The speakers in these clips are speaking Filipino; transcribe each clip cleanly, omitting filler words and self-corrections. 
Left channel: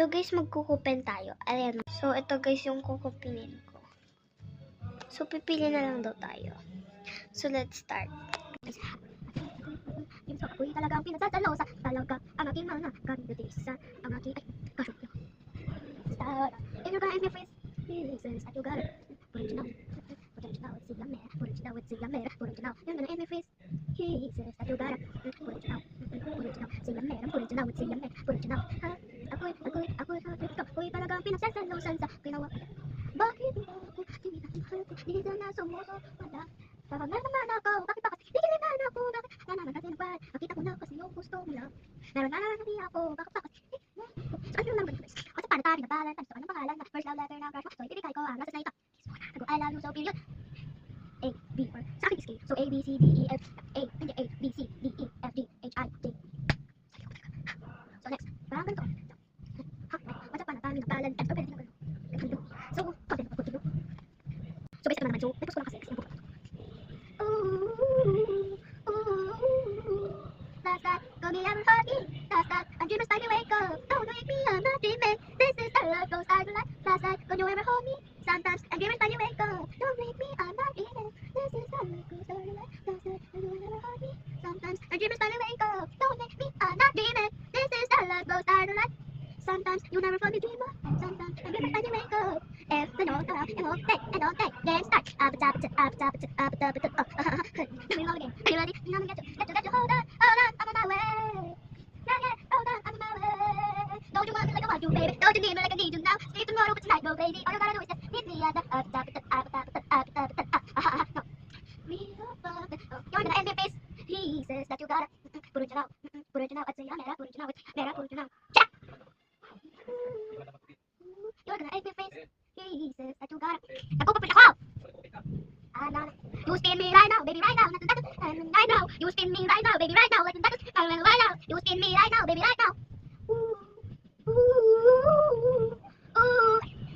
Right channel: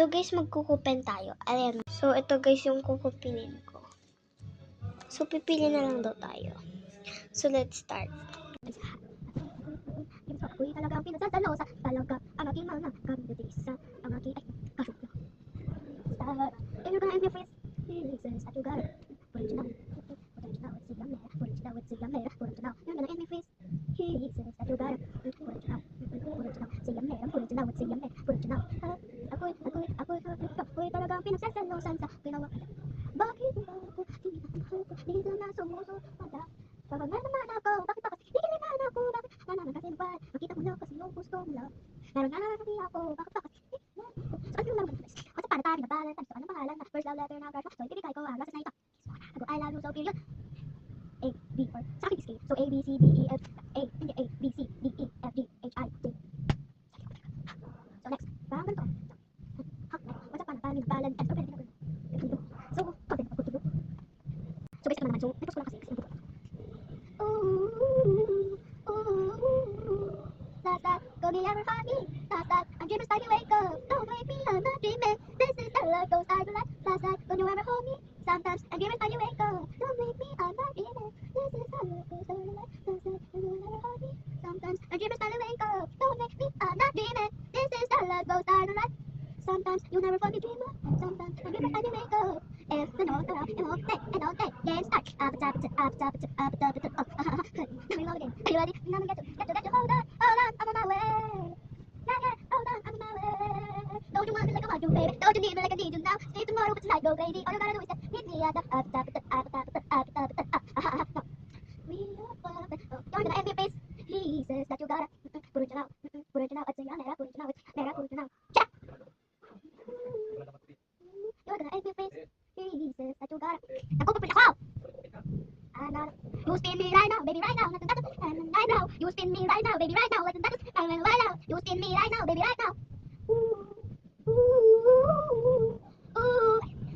So guys, magkukupin tayo. Ayan. So ito guys yung kukupinin ko. So pipili na lang daw tayo. So let's start. Ako'y talagang pinasasalosa. Talaga ang aking mga kandidisa. Ang aking kasukyo. Start. If you're gonna ask me for reasons that you got it. What did you know? What did you know? It's a yummy. What did you know? It's a yummy. What did you know? You're gonna ask me for reasons that you got it. What did you know? What did you know? It's a yummy. What did you know? It's a yummy. What did you know? Ako'y talagang pinasasalosan sa ginawa. Bakit mo ako tinitahal ko? Di na sumusunod. Kapag naman ako, bakit ba kasi naman ako? Bakit na naman kasi nagpahal? Nakita ko na kasi yung gusto mo lang. Meron na naman kasi ako, bakit ba kasi? So ano naman guys? Kasi para tayo nagpahalan, tayo ano pangalan na first love letter ng crush mo. So ibibigay ko ang rasa na ito. Kiss mo na. I love you so period. A, B for sa akin is K. So A, B, C, D, E, F, A, hindi A, B, C, D, E, F, G, H, I, J. So next, parang ganito. What's up pa na tayo nagpahalan? So pwede na So, konti na continue. So basic naman, so nag-post ko lang kasi yung book. Last night, got me ever hug me. Last night, I'm dreaming slightly wake up. Don't wake me, I'm not dreaming. This is the love goes hard to life. Last night, got you ever hold me. Sometimes, I'm dreaming slightly wake up. Don't wake me, I'm not dreaming. This is the love goes hard to life. Last night, got you ever hold me. Sometimes, I'm dreaming slightly wake up. Don't wake me, I'm not dreaming. This is the love goes hard to life. Sometimes, you never find me dreamer. Sometimes, I'm dreaming slightly wake up. If the note around and all day, let's start. Up, let me love again. Are you ready? Now get you. Hold on, I'm on my way. Yeah, hold on, I'm on my way. Don't you want me like I want you, baby? Don't you need me like I need you now? Stay tomorrow, but tonight, go, baby. All you gotta do is just meet me at the no. You're gonna end your face. He says that you gotta put it out. Put it out. I'd say I'm put it out. Put it out. You're gonna end your face. He says that you gotta. Nagpupapit ako! You spin me right now, baby, right now. Right now. You spin me right now, baby, right now. Right now. You spin me right now, baby, right now.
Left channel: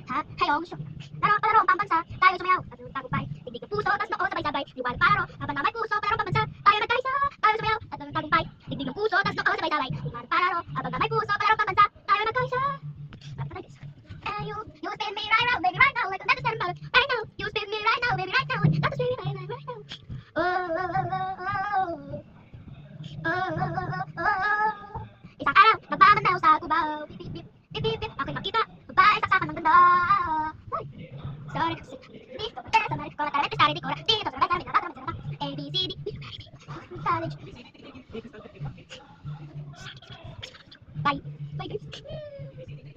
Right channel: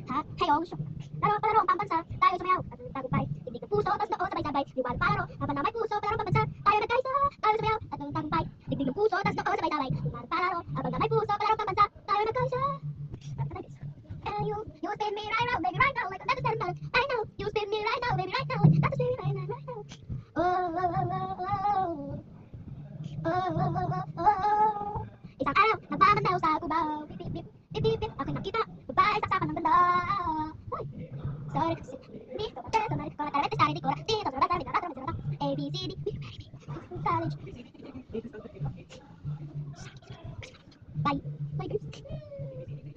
Ha? Hello, palaro ang pambansa. Tayo sumayaw. Tagumpay. Tigdig ng puso, tas noo sabay-sabay. Liwanag palaro. Habang na may puso, palaro pambansa. Tayo nagkaisa. Tayo sumayaw. At ang tagumpay. Tigdig ng puso, tas noo sabay-sabay. Liwanag palaro. Habang na may puso, palaro pambansa. Tayo nagkaisa. You spin me right now, baby, right now. Like that is right now. You spin me right now, baby, right now. That is right now. Isang araw, nagpamanaw sa Cubao. Bip. Ako'y makita, babae saksakan ng ganda. Sorry kasi, hindi ko matera sa marikora. Karete sa rin,